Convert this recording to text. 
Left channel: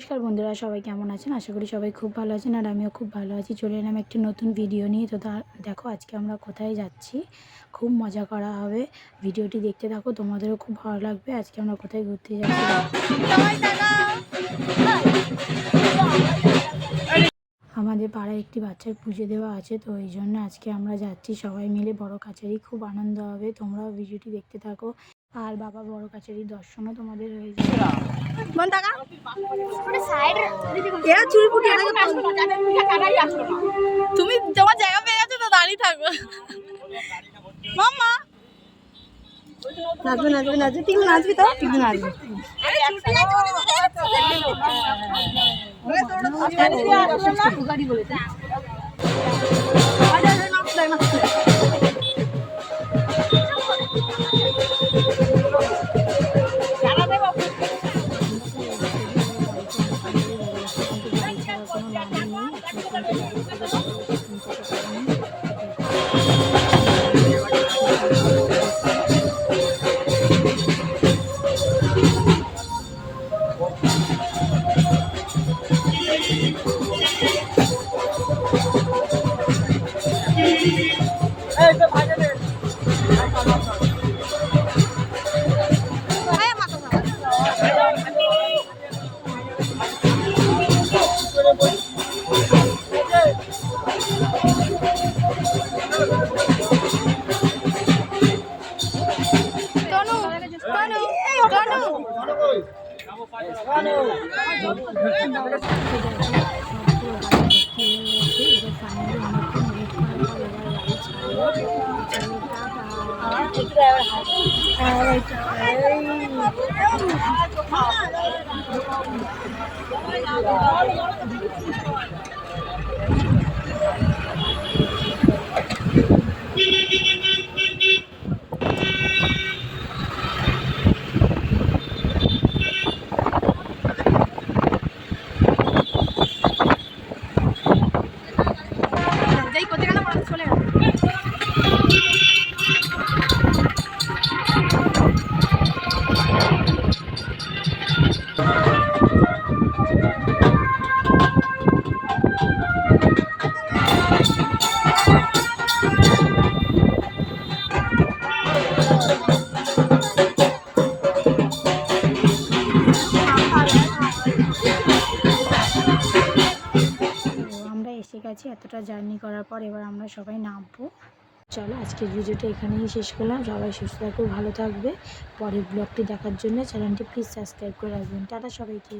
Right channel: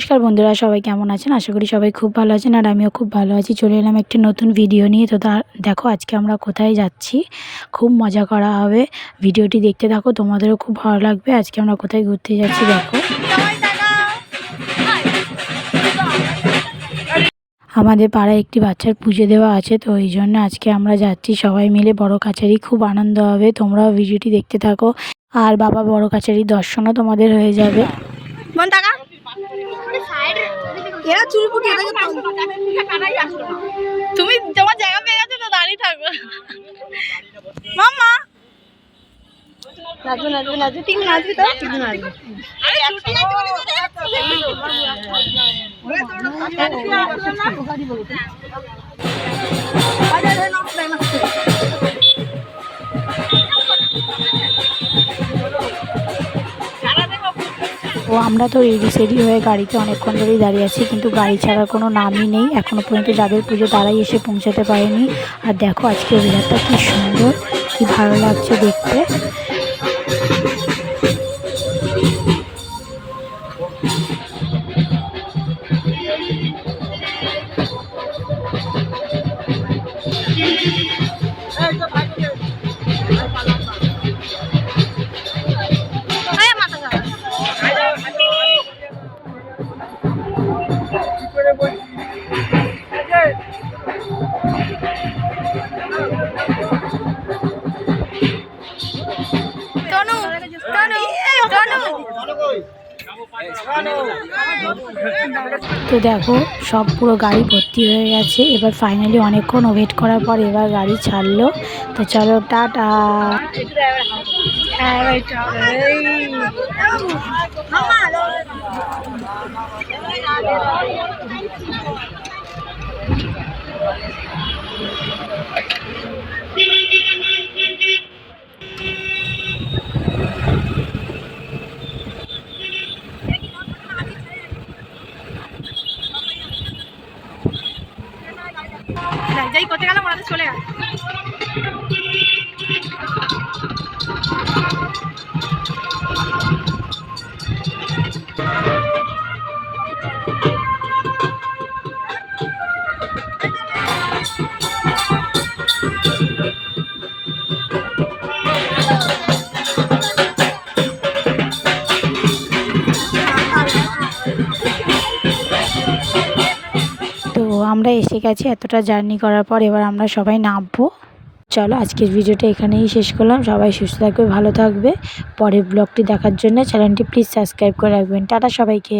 নমস্কার বন্ধুরা, সবাই কেমন আছেন? আশা করি সবাই খুব ভালো আছেন আর আমিও খুব ভালো আছি। চলে এলাম একটি নতুন ভিডিও নিয়ে। তো দেখো আজকে আমরা কোথায় যাচ্ছি, খুব মজা করা হবে। ভিডিওটি দেখতে থাকো, তোমাদেরও খুব ভালো লাগবে। আজকে আমরা কোথায় ঘুরতে যাচ্ছি দেখো। আমাদের পাড়ায় একটি বাচ্চার পুজো দেওয়া আছে, তো এই জন্য আজকে আমরা যাচ্ছি সবাই মিলে বড় কাছারি। খুব আনন্দ হবে, তোমরাও ভিডিওটি দেখতে থাকো। আর বাবা বড় কাছারির দর্শনও তোমাদের হয়ে যাবে। তুমি তোমার জায়গা পেয়ে গেছো তো দাঁড়িয়ে থাকো। মামা নাচবে নাচবে নাচবে, ঠিক নাচবে তো ঠিক নাচবে। তো আমরা তো রেডি সেডি হয়ে গাড়িতে অনেকক্ষণ ধরেই দাঁড়িয়ে আছি, কিন্তু গাড়ি ছাড়ার কোনো নামই নেই। এখনও পর্যন্ত যাদের পুজো তারাই এসে পৌঁছাতে পারেনি। আর দেখো আজকে ওয়েদারটা কি সুন্দর, কি ভালো লাগছে দেখতে। তো দেখো সব পুরো গাড়ি ভর্তি হয়ে গেছে। এবার ফাইনালি অনেকক্ষণ ওয়েট করার পর এবার গাড়ি ছাড়লো। তো চলো টাটা। যাই করতে গেলাম ওরা চলে গেল। আমরা এসে গেছি এতটা জার্নি করার পর, এবার আমরা সবাই নামবো। চলো আজকের ভিডিওটা এখানেই শেষ করলাম। সবাই সুস্থ থাকবে, ভালো থাকবে। পরের ব্লগটি দেখার জন্য চ্যানেলটি প্লিজ সাবস্ক্রাইব করে রাখবেন। টাটা সবাইকে।